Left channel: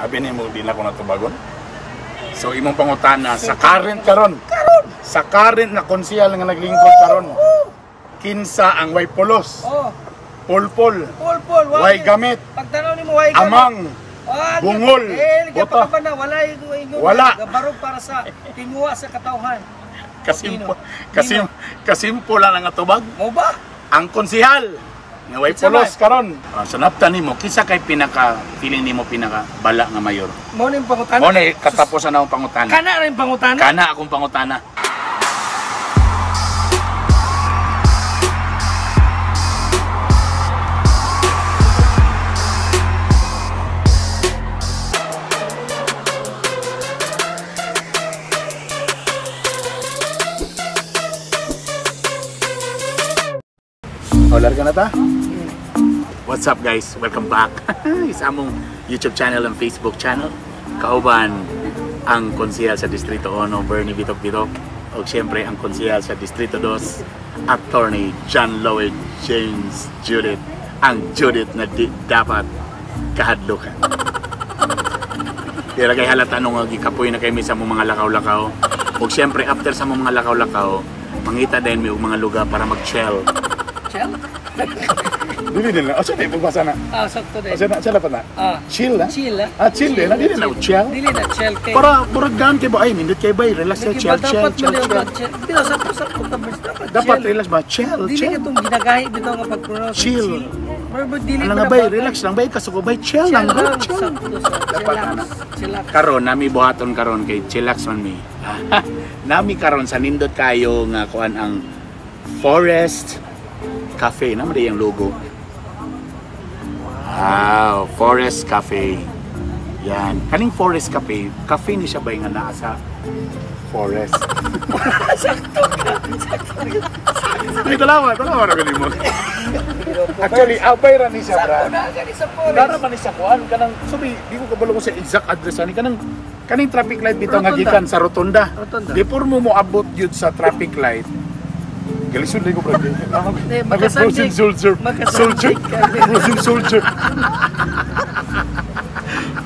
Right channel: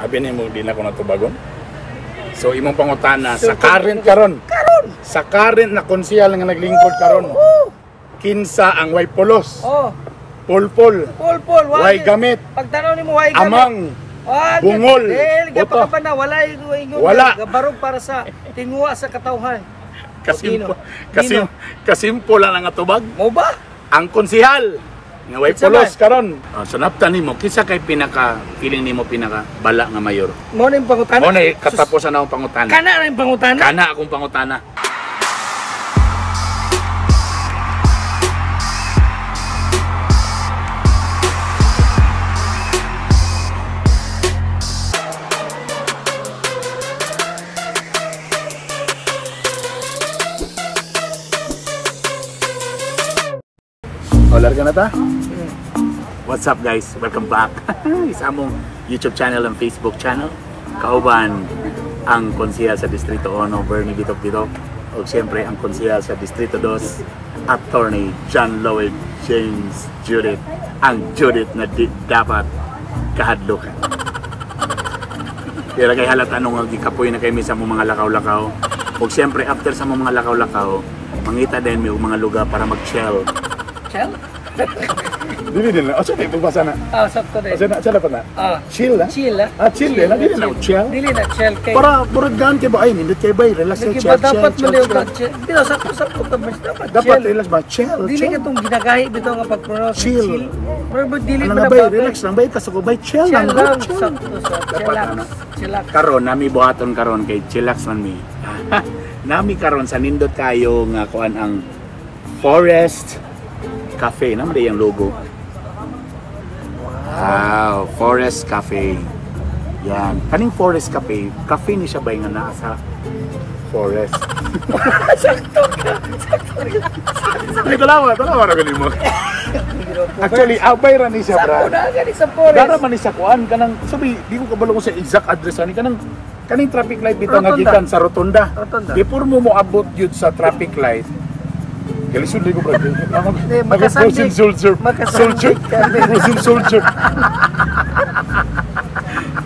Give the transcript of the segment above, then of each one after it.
Abi nimo di na ko natubagon. So imong pangutana sa current karon. Sa current na konsehal nga naglingkod karon. Kinsa ang way pulos? Pulpul. Way gamit. Pagtanaw nimo way gamit. Amang. Bungol. Boto. Wala. Gabarog para sa tinguha sa katawhan. Kasimpo lang ang atubag. Mo ba? Ang konsehal nga way pulos karon. Sa naptan nimo kinsa kay feeling nimo pinaka bala nga mayor? Mo ning pangutana. Mo ni katapusan na akong pangutana. Kana ring pangutana? Kana akong pangutana. Larga na ta? What's up guys? Welcome back sa among YouTube channel and Facebook channel. Kauban ang konsehal sa Distrito 1, Bernie Bitok-Bitok. O siyempre ang konsehal sa Distrito 2, Attorney John Lloyd James Judith. Ang Judith na dapat kahadlukan. Kaya kay halata nung gikapoy na kami sa mga lakaw-lakaw. O siyempre after sa mga lakaw-lakaw, mangita din may mga lugar para mag-chill. Chill? Dili din na. O siya magbasa na. Sakto din. O siya dapat na. Chill na? Chill na. Chill din na. Dili na chill. Dili na chill kay. Para buragdan kay ba? Ay, nindot kay ba? Relax na chill. Dapat mo na chill. Dili, sakto ka ba? Dapat relax ba? Chill. Dili ka itong ginagahi dito nga pag-pronounce. Chill. Dili ano ba nga ba? Relax lang ba? Kaso ko ba? Chill lang. Chill. Dapat na. Karon, nami buhaton karon kay chillax man mi. Nami karon sa nindot kayo nga kuan ang Forest Cafe, naman din yung logo. Wow, Forest Cafe. Yan. Kaning Forest Cafe, cafe ni siya ba nga naa sa forest? Sakto ka. Ay, talawa na ganin mo. Actually, abay ra ni siya, brad. Dara man ni sa kuan kanang sabi, di ko kabalo ko sa exact address ani kaning traffic light dito nga gikan sa Rotunda. Before mo abot jud sa traffic light, galisod din ko bro. Frozen soldier.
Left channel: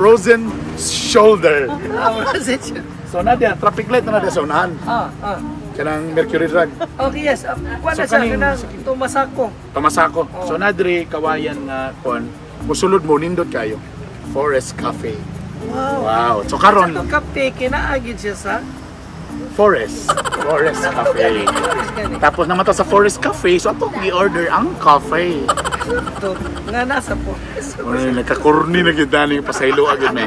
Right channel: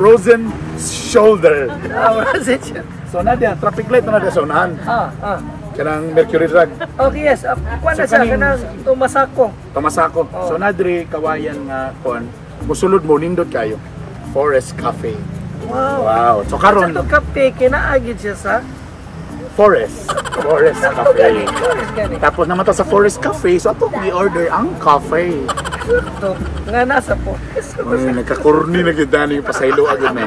Frozen shoulder. So nadia traffic light na sa unahan. Kanang Mercury Drug. Okay, yes. Kuan na sa kanang Tumasako. So nadri kawayan nga kon. Musulod mo nindot kayo. Forest Cafe. Wow. So karon sa cafe kinaagid siya sa Forest Cafe. Tapos naman to sa Forest Cafe, so ato i-order ang cafe. Ito, nga nasa Forest. Uy, nagkakurni na kita ni pasaylo agad na.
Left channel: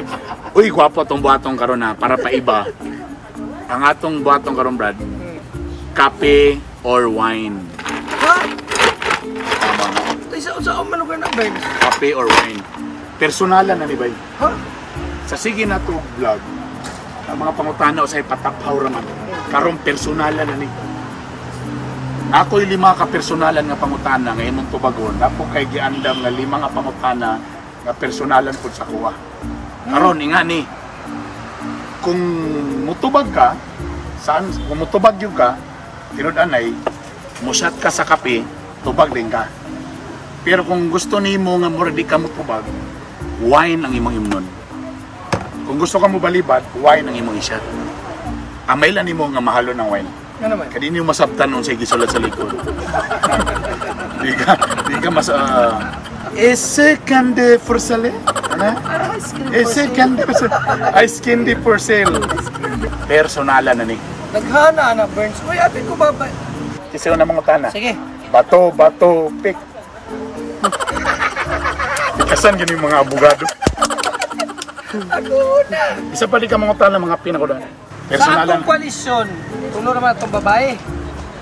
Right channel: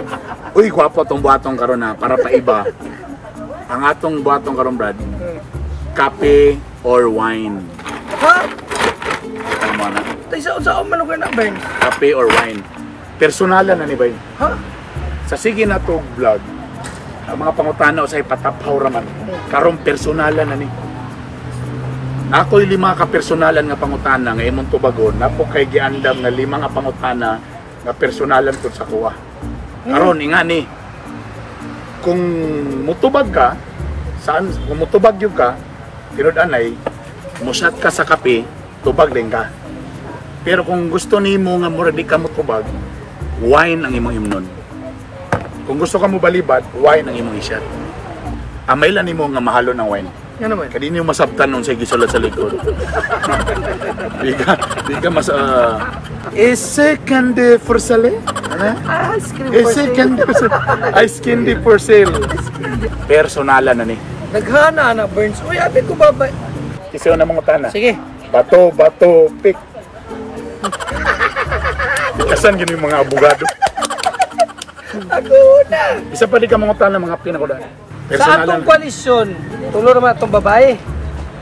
Uy, gwapo tong buhatong karon na para pa iba. Ang atong buhatong karon, Brad. Kape or wine. Ha? Tama na. Sa manugan na, Burns? Kape or wine. Personalan na ni Bay. Ha? Sa sige na to vlog. Ang mga pangutana o sa ipataphaw raman. Karong personalan na ni. Ako'y 5 ka personalan nga pangutana nga imong tubagon. Napo kay giandam nga 5 nga pangutana nga personalan pud sa kuha. Karon inga ni. Kung mutubag ka, kung mutubag yung ka, tinud-anay, musat ka sa kape, tubag din ka. Pero kung gusto nimo nga mura di ka mutubag, wine ang imong imnon. Kung gusto ka mo balibad, wine ang imong isyat. Amay lang nimo nga mahalo ng wine. Nga naman. Kadi niyo masabtan nung sige sulat sa likod. Di ka mas... Ese candy for sale? Ano? Ese candy for sale. Ice candy for sale. Personalan na ni. Naghana na, Burns. Uy, apit ko ba ba? Kasi na mga tana. Sige. Bato, pick. Bukasan gini mga abogado. Ako na. Isa pa di ka mga tana mga pinakulan. Sa atong koalisyon, tulo naman atong babae.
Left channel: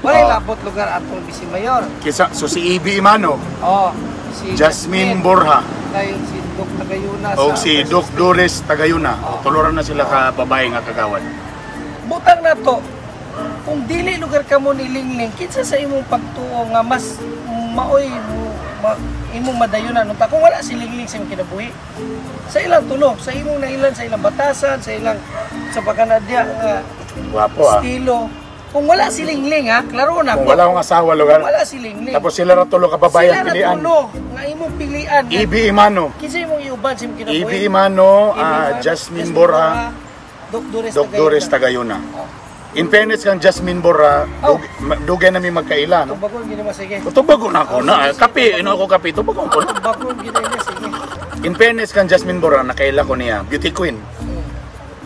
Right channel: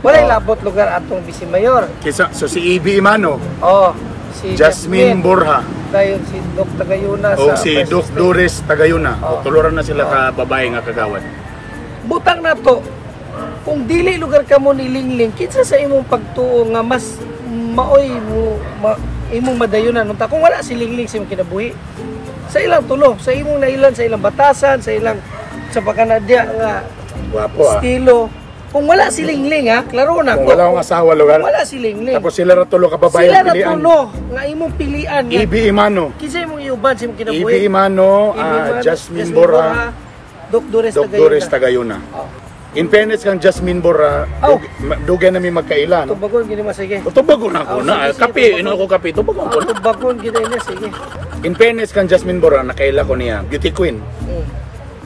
Walay labot lugar atong Bisi Mayor. So si Ibi Imano. Si Jasmine Borja. Dayon si Doc Tagayuna. Si Doc Doris Tagayuna. Tuloran na sila ka babae nga kagawad. Butang na to. Kung dili lugar ka mo nilingling, kinsa sa imong pagtuo nga mas maoy mo imong madayunan unta kung wala si lingling sa imong kinabuhi. Sa ilang tulo, sa imong nailan, sa ilang batasan, sa ilang sa pagkanadya nga guwapo estilo. Kung wala si Lingling ha, klaro na Kung wala akong asawa lugar. Wala si Lingling. Tapos sila ra tulo ka babae Sila ang na pilian. tulo nga imong pilian. Ibi Imano. Kinsa imong iuban sa imong kinabuhi? Ibi Imano, Imano, Jasmine Bora, Doc Dores Tagayuna. Oh. In fairness kang Jasmine Bora, Oh. dugay na mi magkaila, no? Tubagon gini masige. Tubagon ako Oh, na. sige, Kape, sige. ino ako kape. Tubagon ko na. Tubagon gini na sige. In fairness kang Jasmine Bora, nakaila ko niya. Beauty Queen.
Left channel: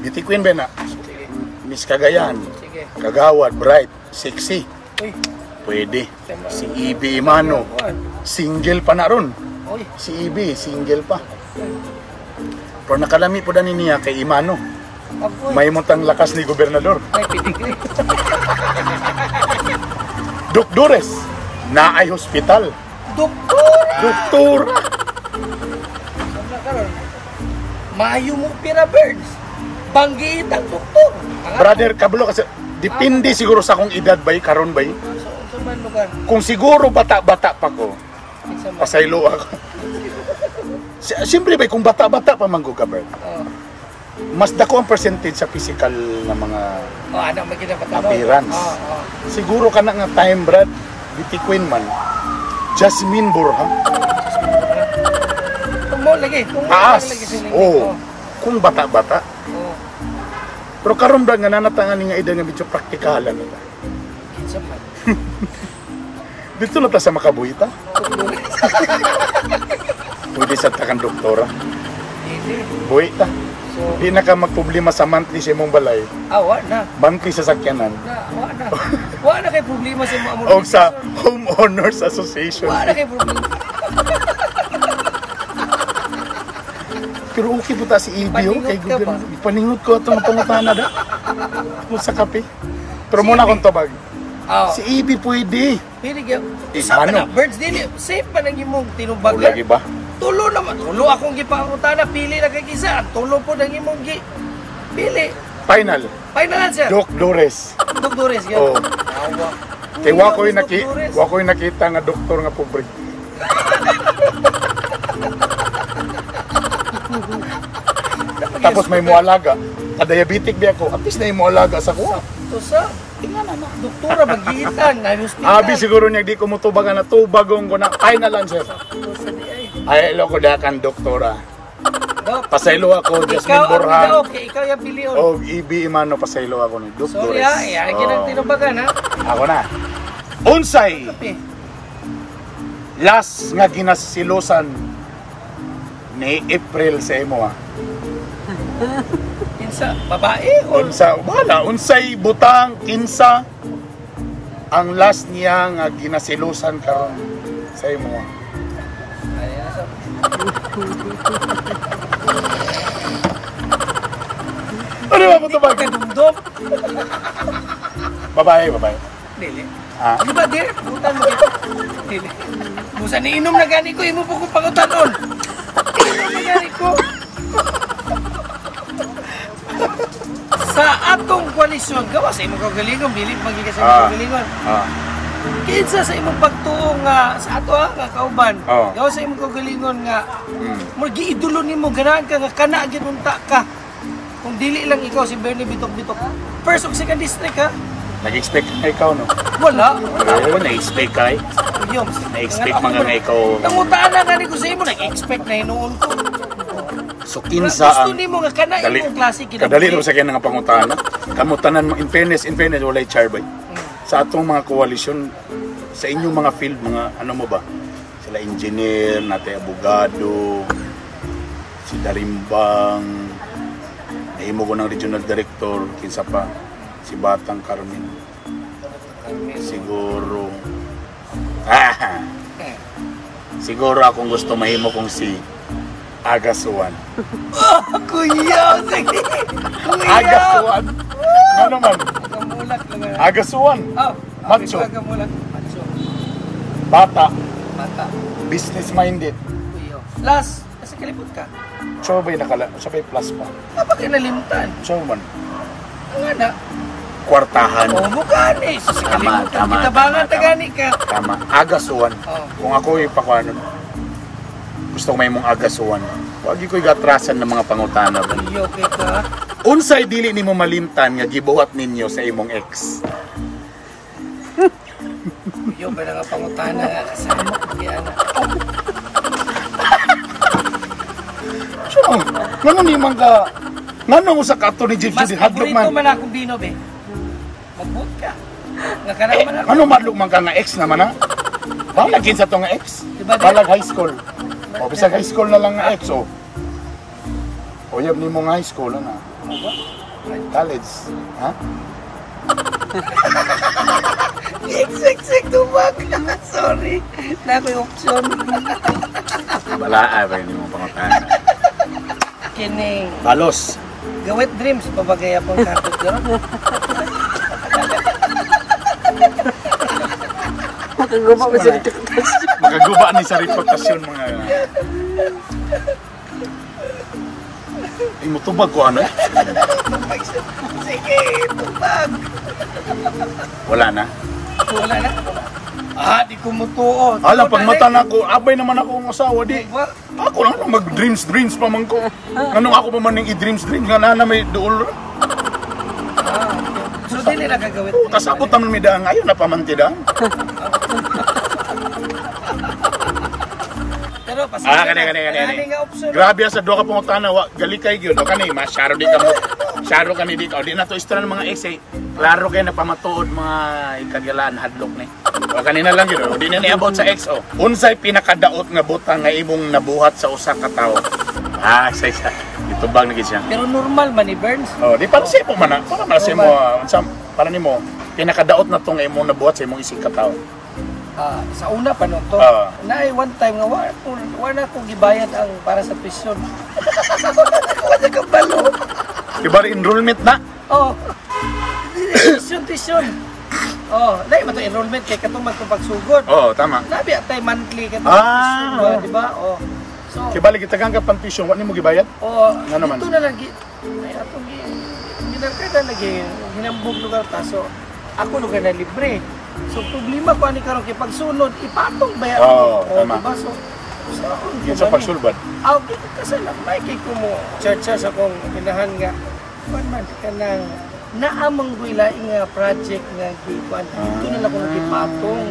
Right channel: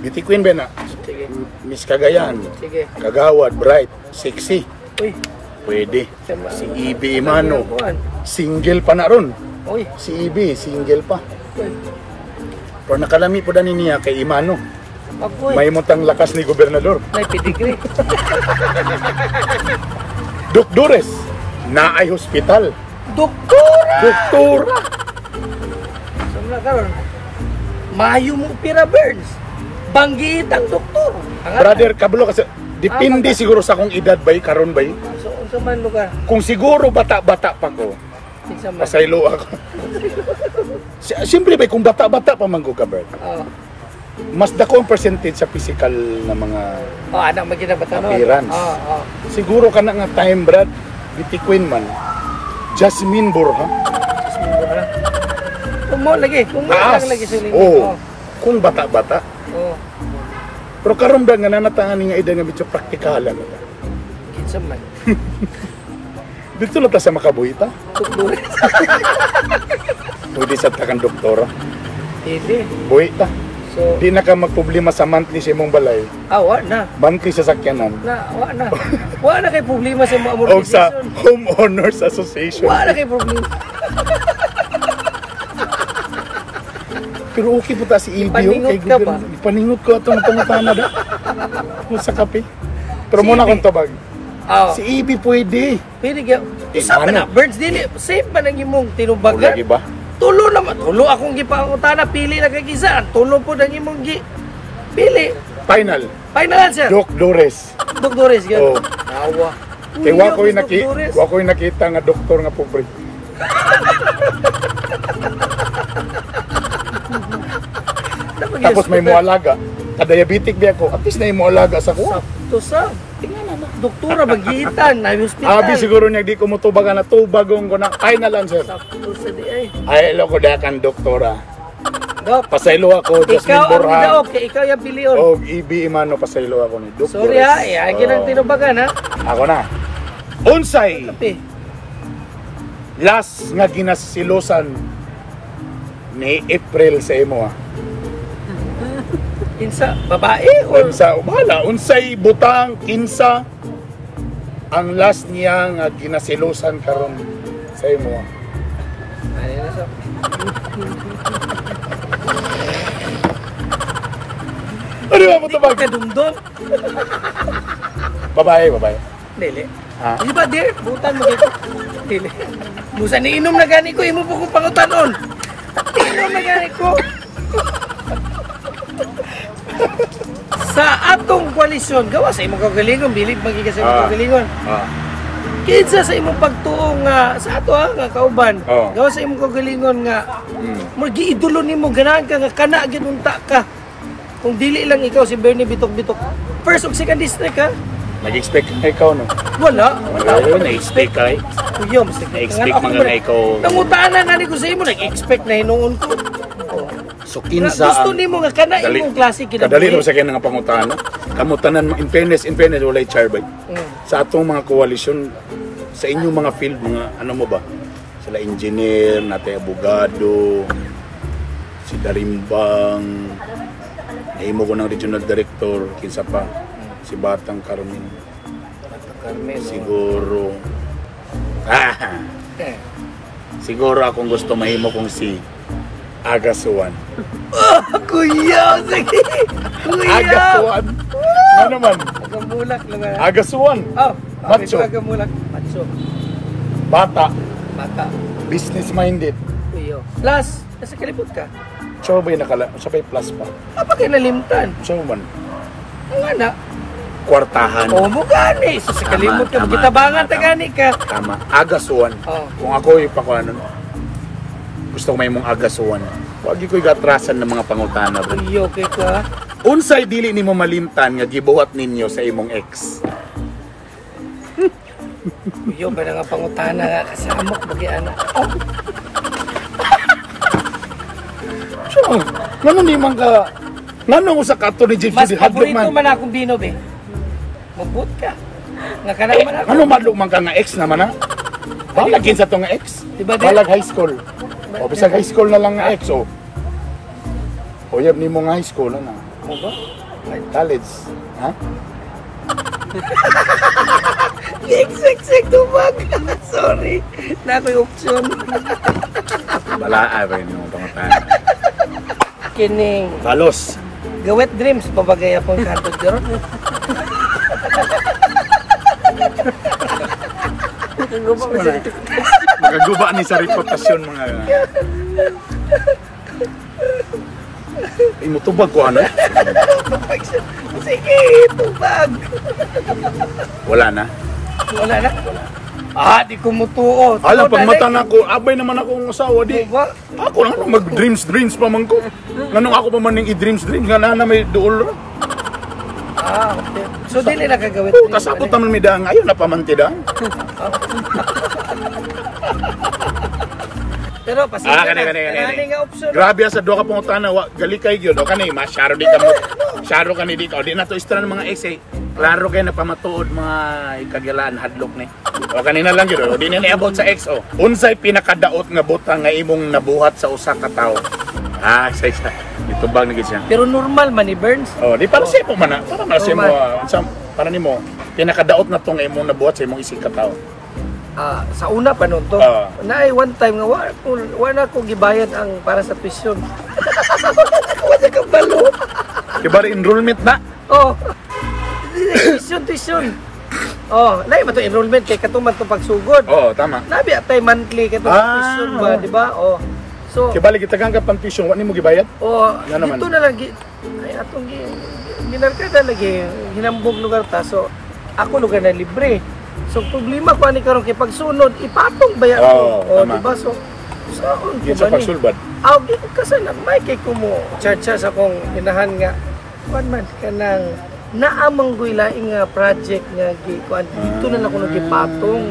Beauty Queen ba na? Sige. Miss Cagayan. Sige. Kagawad, bright, sexy. Uy. Pwede. Tama. Si Ibi Imano. Kuan. Single pa na ron. Uy. Si Ibi, single pa. Uy. Pero nakalami po na niya kay Imano. Agoy. May mutang lakas ni gobernador. May pedigree. Dores, naay hospital. Doktora! Doktora. Saan na karon? Mayo mo pira Burns. Banggit ang doktor. Ang Brother Kablo kasi depende siguro sa akong edad bay karon bay. So, unsa man lugar? Kung siguro bata-bata pa ko, Kinsa man? pasaylo ako. Siyempre bay kung bata-bata pa man ko ka Bert. Oh. Mas dako ang percentage sa physical na mga Oh, anak magkinabata no. appearance. Oh. Siguro ka na nga time Brad, Beauty Queen man. Jasmine Borja. Kung mo lagi, kung mo lang lagi siling. Oh. Kung bata-bata. Oh. Pero karon ba nga nanatangan nga edad nga medyo praktikalan. Kinsa man? Dito na ta sa Makabuhita. Doktor. Pwede sa takang doktora. Hindi. Buhi ta. So, Di na ka magproblema sa monthly sa imong balay. wa na. Monthly sa sakyanan. Wa na. Wa na kay problema sa mga O amortization. sa Homeowners Association. Wa na kay problema. Pero okay po ta si Ibio. Ipaningot ka ba? Ipaningot ko itong pangutana da. Kung sa kape. Pero muna Ibi. kong tabag. Oh. Si Ibi pwede. Pwede ka. Isa pa ano? na. Birds dili. Safe pa nang imong O tinubagan. lagi ba? Tulo naman. Tulo akong gipangutana. Pili na kay kisa. Tulo po nang imong pili. Final. Final answer. Doc Dores. Doktores ka. Oh. Awa. Kay Uy, wako'y Doktores. nakita nga doktor nga pobre. Tapos may mualaga. Ka-diabetic di ako. At least na yung mualaga sa kuha. To sa. Doktora magiitan na hospital. Abi siguro niya di ko mutubagan na tubagong ko na ay na lang sir. To sa di ay. Ay lo ko dakan doktora. Dok. Pasaylo ako Jasmine Ikaw ang Borja. daog kay ikaw yung bilion. O Ibi Imano pasaylo ako ni Dok Sorry Dores. ha, iagin ang tinubagan ha. Ako na. Unsay Kape. last nga ginasilosan ni April sa imo ha. Kinsa, babae or Unsay butang kinsa ang last niya nga ginasilosan karon sa imo. ay na sa Ano ba mo tabag? kadumdum. Babae. Dili. Ah, Di ba dir? Butan mo gito. Dili. Musa ni inom na gani ko imo po kong pangutanon. Inom na gani ko. Sa atong koalisyon, gawa sa imong kagalingon, dili magiga sa imong Ah. kagalingon. ah. Kinsa sa imong pagtuong nga sa ato nga kauban. Oh. Gawa sa imong kagalingon nga Mm. magiidolo nimo ganahan ka nga kana ginunta ka. Kung dili lang ikaw si Bernie Bitok-Bitok. First ug second district ha. Nag-expect na ikaw no? Wala. Oo, na-expect ka eh. Uyom. Na-expect mga na ikaw. Nangutaan na nga ni ko sa imo, nag-expect na hinuon ko. So Gusto kinsa ang nimo nga kana imong klase kadali kinabuhi. sa kanya nga pangutana. Kamutanan in fairness walay charbay. Sa atong mga koalisyon sa inyong mga field mga ano mo ba? Sila engineer, natay abogado, si Darimbang, nahimo ko ng regional director, kinsa pa si Batang Carmen. Siguro siguro akong gusto mahimo kong si Agasuan. Kuya, sige. Kuya. Agasuan. Nga naman. Agamulak lang. Agasuan. Oh, Macho. Agamulak. Macho. Bata. Mata. Business minded. Kuya. Last, nasa kalipot ka. So ba'y sabay plus pa. Apa kayo nalimtan? So man. Ang anak. Kwartahan. O, mukani. Sa kalimot ka. Tama, Kitabangan tama, tagani ka. Tama. Agasuan. Oh. Kung ako ipakuanon, gusto ko may mong agasuan. Wagi ko'y gatrasan ng mga pangutana. Kuya, okay ka. Unsay dili nimo malimtan nga gibuhat ninyo sa imong ex. Yung ba nga pangutana nga kasamok bagi anak. So, ngano ni man ka ngano usa ka ato ni Gypsy Mas di hadlok paborito man. man akong bino be. Magbut ka. Nga kana man ako. Ano madlok man ka nga ex naman na? Balag sa to nga ex. Diba, di? Balag high school. O bisag high school na lang nga ex o. Uyab ni mo nga high school na. College, ha? Exek tubag. Sorry. Na ko yung option. Wala rin yung pangutana. Kining Balos. gawet dreams pabagay akong katod karon. Magaguba ni sa reputasyon mga mo tubag ko ano? Sige, tubag. Wala na. Wala na. Ah, di ko mutuo. Alam, pag mata na ko, abay naman ako ang asawa, di. Ako lang mag-dreams pa man ko. Ganun ako pa man yung i-dreams, nga na may duol. Ah, okay. So, dili na kagawit. Kasabot naman may daang, ayaw na pamantidang. Pero pasensya na. Kani. Kani nga option. Grabe sa doha ka pangutana, gali kay gyud, kani masyaro di ka mo. Syaro kani di ka. Di na to istra ng mga essay. Klaro kay na pamatuod mga ikagilaan hadlok ni. O kanina lang gyud, di na niabot sa XO. Unsay pinakadaot nga butang nga imong nabuhat sa usa ka tawo? Ah, say sa. Itubag na gid siya. Pero normal man ni Burns. Oh, di para sa imo man na. Para man sa imo, unsam para nimo pinakadaot na tong imong nabuhat sa imong isig ka tawo. Sa una pa nun to, naay one time nga wala ko gibayad ang para sa tuition. Wala ka balo. Ibar enrollment na. Oh. Tuition. Oh, lahi ba to enrollment kay katuman to pagsugod. Oh, tama. Labi atay monthly katong tuition ba, di ba? Oh. So, Kaya balik itagang ka pang tuition, wa nimo gibayad? oh, Nga naman. dito na lagi ay atong ginarkada lagi hinambog lugar ta. So, ako lugar na libre. So, problema ko ani karon kay pagsunod, ipatong baya Oo, ko. tama. Diba? So, saan ko Yun sa ba ni? pagsulbad. Di ko kasalan. May kay ko mo charge sa akong inahan nga. Kuan man, kanang naamang guilaing nga project nga gikuan. Dito na lang ko nagipatong.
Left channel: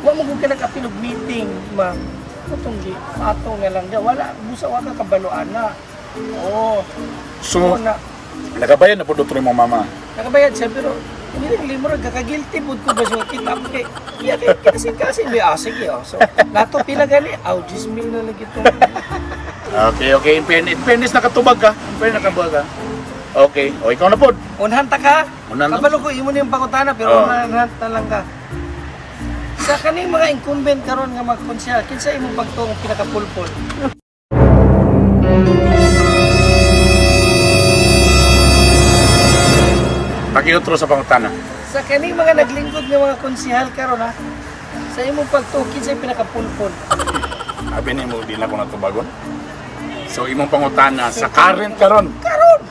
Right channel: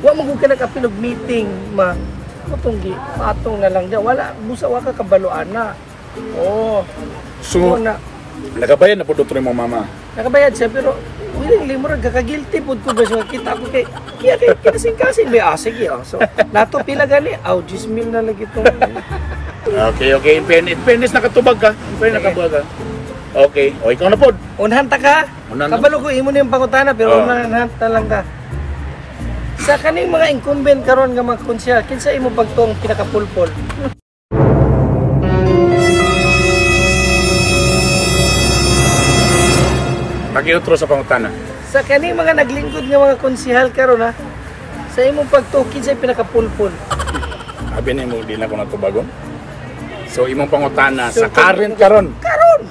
Wa mo gud ka nagapilog meeting, ma. Katong gipatong na lang. Wala, busa wa ka kabaluan na. Oo. So, na, nagabayad na po doon mo mama. nakabayad siya, pero willingly mo rin, kakagilty po ko ba siya kita ko kay kinasing-kasing may sige so nato pila gani 10 mil na lagi itong Okay. In fairness nakatubag ka. In fairness nakatubag ka. Okay. O, ikaw na po. unhan ta ka Unhan na. kabalo ko imo na yung pangutana pero unhan ta lang ka sa kaning mga incumbent karon nga mga konsyal kinsa imo pagtuong pinakapulpol. Pakiutro sa pangutana. Sa kaning mga naglingkod nga mga konsihal karon ha, sa imong pagtukin sa pinakapulpol. Sabi ni mo, di na ako natubagon. So, imong pangutana, sa current karon.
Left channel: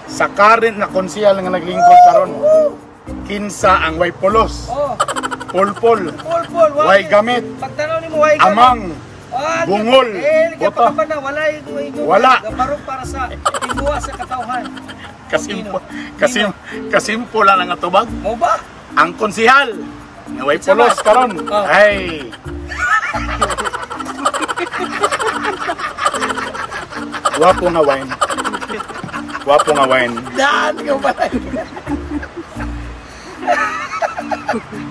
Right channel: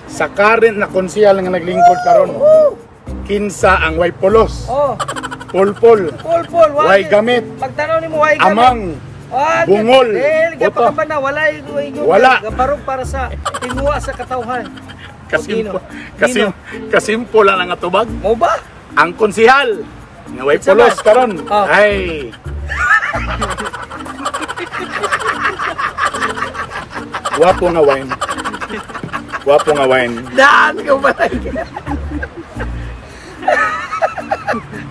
Sa current na konsihal nga naglingkod karon. Kinsa ang way pulos, Oh, pulpul, pulpol, way gamit, pagtanaw nimo way gamit. amang, bungol, boto. Wala. Gabarog para sa tinuwa sa katawhan. Kasimpo lang ang atubag. Mo ba? Ang konsihal nga way pulos karon. Ay. Wapo nga wine. Wapo nga wine. Daan ko ba lagi?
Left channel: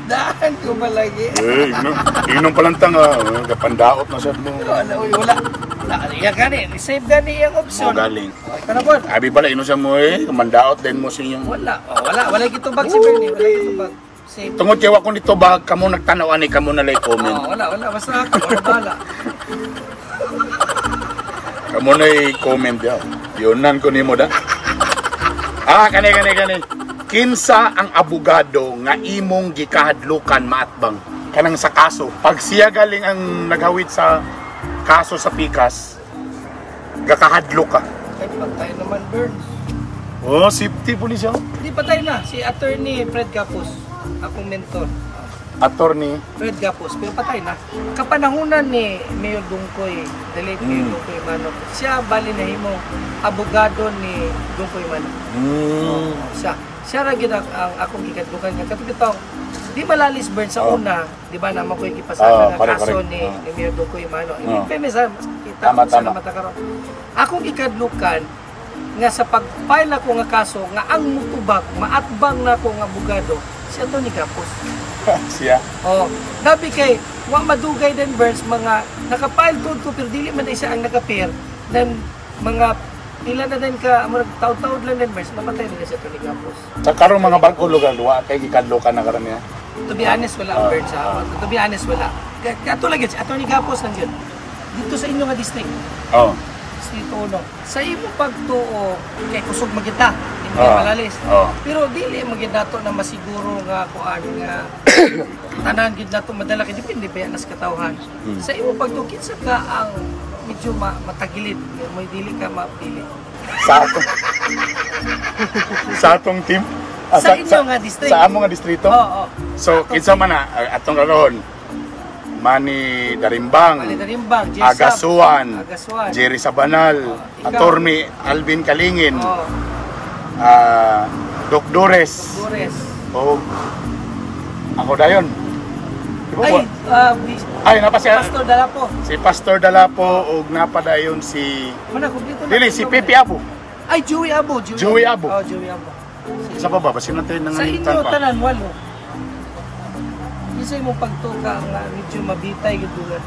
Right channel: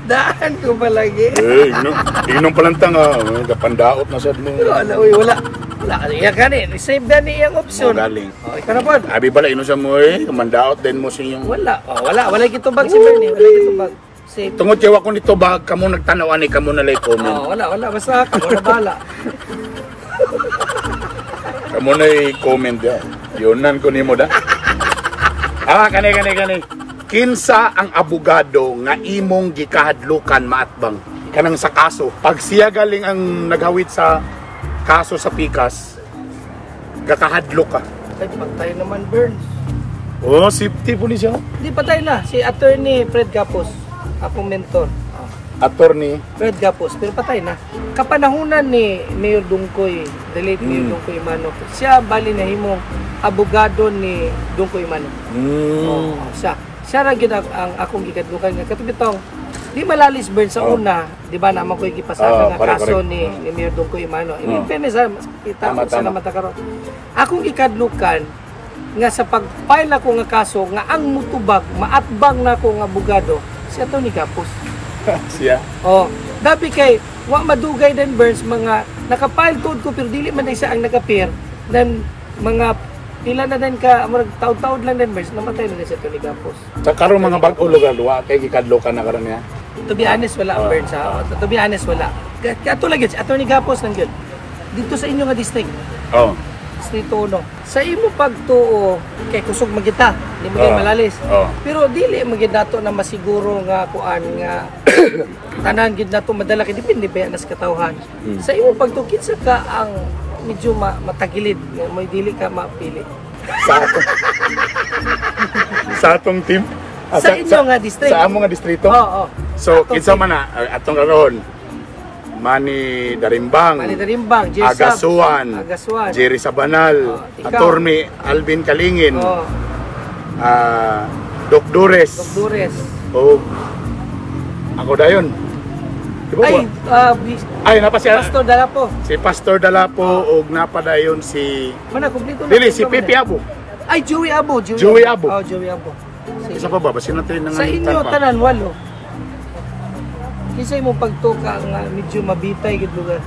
Daan ko ba lagi? Eh, inom palantang kapandaot na sad mo. Wala, wala. Iya gani, save gani yung option. Galing. Ikaw na po. Abi pala ino sa mo kamandaot din mo sa iyong. Wala kitubag si Bernie, wala kitubag. Save. Tungod kay wa ko nito bag kamo nagtanaw ani kamo na lay comment. Wala, basta ako na bala. Kamo na i-comment ya. Yonan ko nimo da. Kani. Kinsa ang abogado nga imong gikahadlukan maatbang kanang sa kaso. Pag siya galing ang naghawid sa kaso sa pikas, gakahadlok ka. Ay, patay naman Burns. Oh, safety police yun. Hindi patay na, si attorney Fred Gapos, akong mentor. Attorney Fred Gapos, pero patay na. Kapanahunan ni Mayor Dungkoy, relate Mayor Dungkoy Mano. Siya bali na himong abogado ni Dungkoy Mano. Siya ra gyud ang akong gikadlukan nga katong Di malalis burn sa una, di ba naman ko ikipasaka nga kaso correct. ni Mayor Dungko Imano. In fairness, kita Tama, ko sa tama. mata karon. Akong ikadlukan nga sa pag-file ako nga kaso nga ang mutubag, maatbang na ako nga abogado, si Atty. Gapos. Siya. Oh, dabi kay wa madugay din Burns mga nakapile tuod ko pero dili man isa ang nakapir nan mga pila na din ka amo taud-taud lang din Burns namatay na din si Atty. Gapos. Sa karong mga bag-o lugar, wa kay gikadlo ka na karon niya. To be honest wala ang Burns ha. To be honest wala. Kato lang gyud si Atty. Gapos nang gyud. Dito sa inyo nga district. Oh. Dito no. Sa imo pagtuo kay kusog magita, di mo malalis. Oh. Pero dili magid nato na masiguro nga kuan nga tanan gid nato madala kay depende ba nas katawhan. Sa imo pagtuo kinsa ka ang medyo matagilid, may dili ka mapili. Sa ato. Sa atong team. Sa inyo nga district. Sa amo nga distrito. Oo. So kinsa man na atong karon Manny Darimbang, Agasuan, Jerry Sabanal, Attorney Alvin Kalingin, Doc Dores, o ako dayon. Ay, napa si Pastor Dalapo. Si Pastor Dalapo og napadayon si Mana kumpleto dili si Pipi Abo. Ay Joey Abo. Joey Abo. Oh, Joey Abo. Isa pa ba? Basin natin nang sa inyo tanan walo. Kinsa imong pagtuka nga medyo mabitay gid lugar.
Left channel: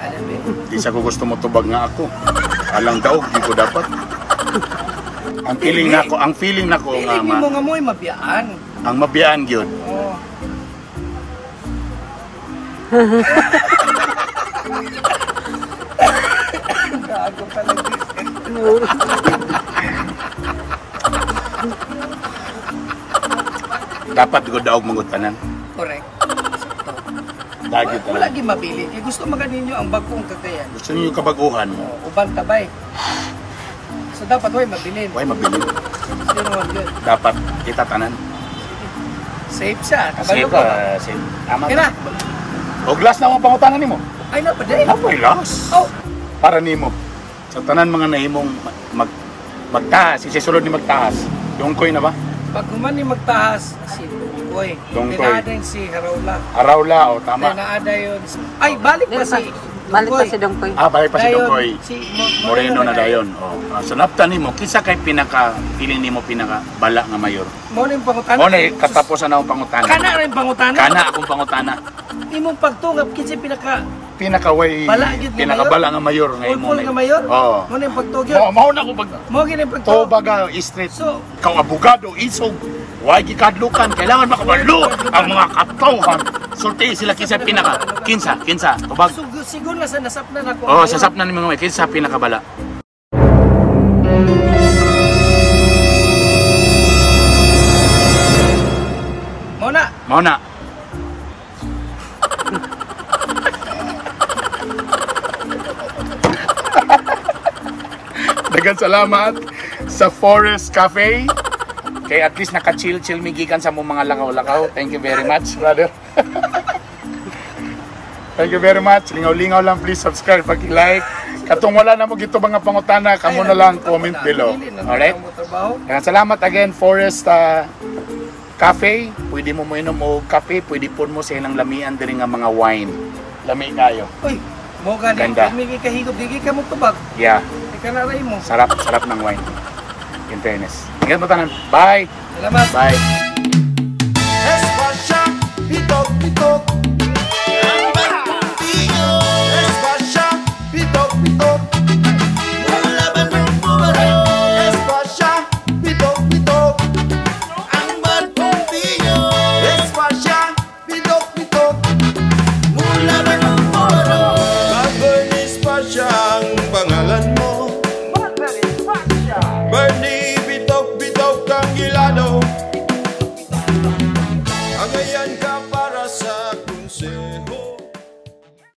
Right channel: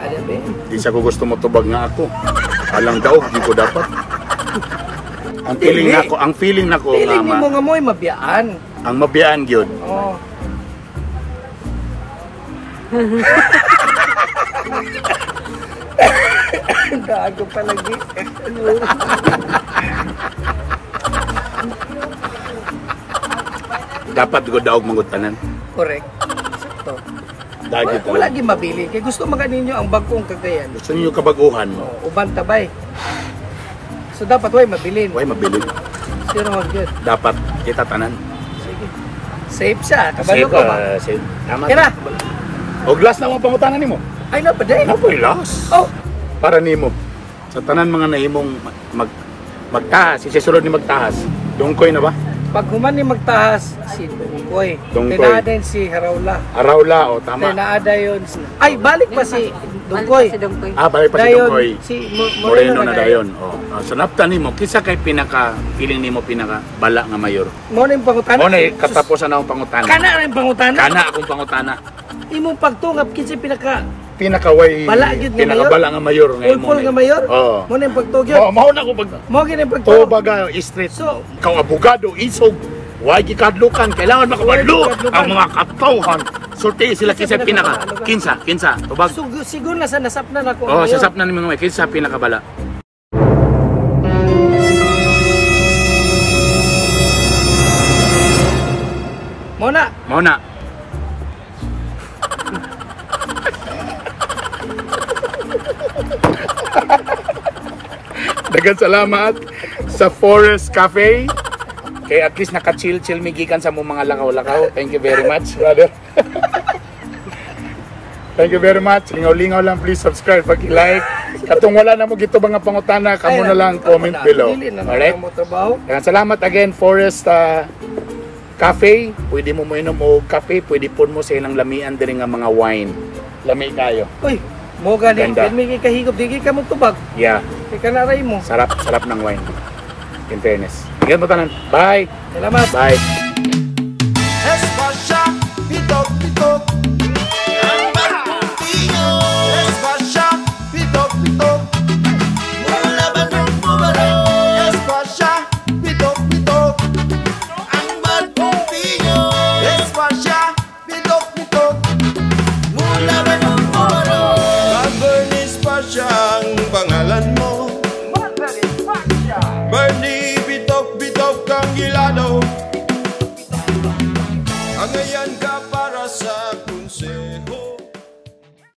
Ada be. Di sa ko gusto mo tubag nga ako. Alang daog di ko dapat. Ang feeling nako nga feeling mo nga mo'y mabiyaan. Ang mabiyaan gyud. Oh. Gago pa lagi. Dapat ko daog mangut tanan. Correct. Dagi pa. Wala gi mabili kay gusto man ninyo ang bagong Cagayan. Gusto niyo kabaguhan. Uban tabay. So dapat way mabilin. Way mabili. Pero good. Dapat kita tanan. Safe siya. Kabalo ko ba? Safe. Tama. Kira. O glass na mo pangutanan nimo. Ay no pa day. Apoy glass. Oh. Para nimo. Sa tanan mga nahimong magtaas, isisulod ni magtaas. Dungkoy na ba? Pag human ni magtaas si Dungkoy. Tinaaday si Harawla. Harawla o tama. Tinaaday si ay balik pa si Dungkoy. Balik pa si Dungkoy. Si Moreno na dayon. Sa napta nimo kinsa kay pinaka feeling nimo pinaka bala nga mayor? Mo na yung pangutana. Mo na katapusan na ang pangutana. Kana rin pangutana. Kana akong pangutana. Imong pagtungap kinsa pinakaway pinakabala nga mayor ngayon. Full nga mayor? Oo. Mo na yung pagtugyan. Mao na ko pag mo gini pagtugyan. Baga street. So, kang abogado isog why gikadlukan kailangan makabalo ang mga katawhan. Sulti sila kinsa tubag. So, siguro na sa nasapnan ako. Oh, sasapnan ni mga kinsa pinakabala. Mona. Daghang salamat sa Forest Cafe. Kay at least naka-chill migikan sa mong mga lakaw-lakaw. Thank you very much, brother. Thank you very much. Lingaw-lingaw lang, please subscribe, pag-like. Katong wala na mo gito mga pangutana, kamo na lang comment below. Alright? Daghang salamat again, Forest Cafe. Pwede mo inom o kape, pwede po mo sa inang lamian din nga mga wine. Lami kayo. Uy, mo gani, may kahigop, di ka mo tubag. Yeah. Ika na rin mo. Sarap ng wine. In fairness. Ingat mo tanan. Bye. Salamat. Bye. Espasya, pitok. Ang bagong tingo. Espasya, pitok. Mula Bandung Bubaro. Espasya, pitok. Ang bagong tingo. Espasya, pitok. Mula Bandung Bubaro. Bernie Espasya ang pangalan mo. Bernie bitok kang gilado. Agayan ka para sa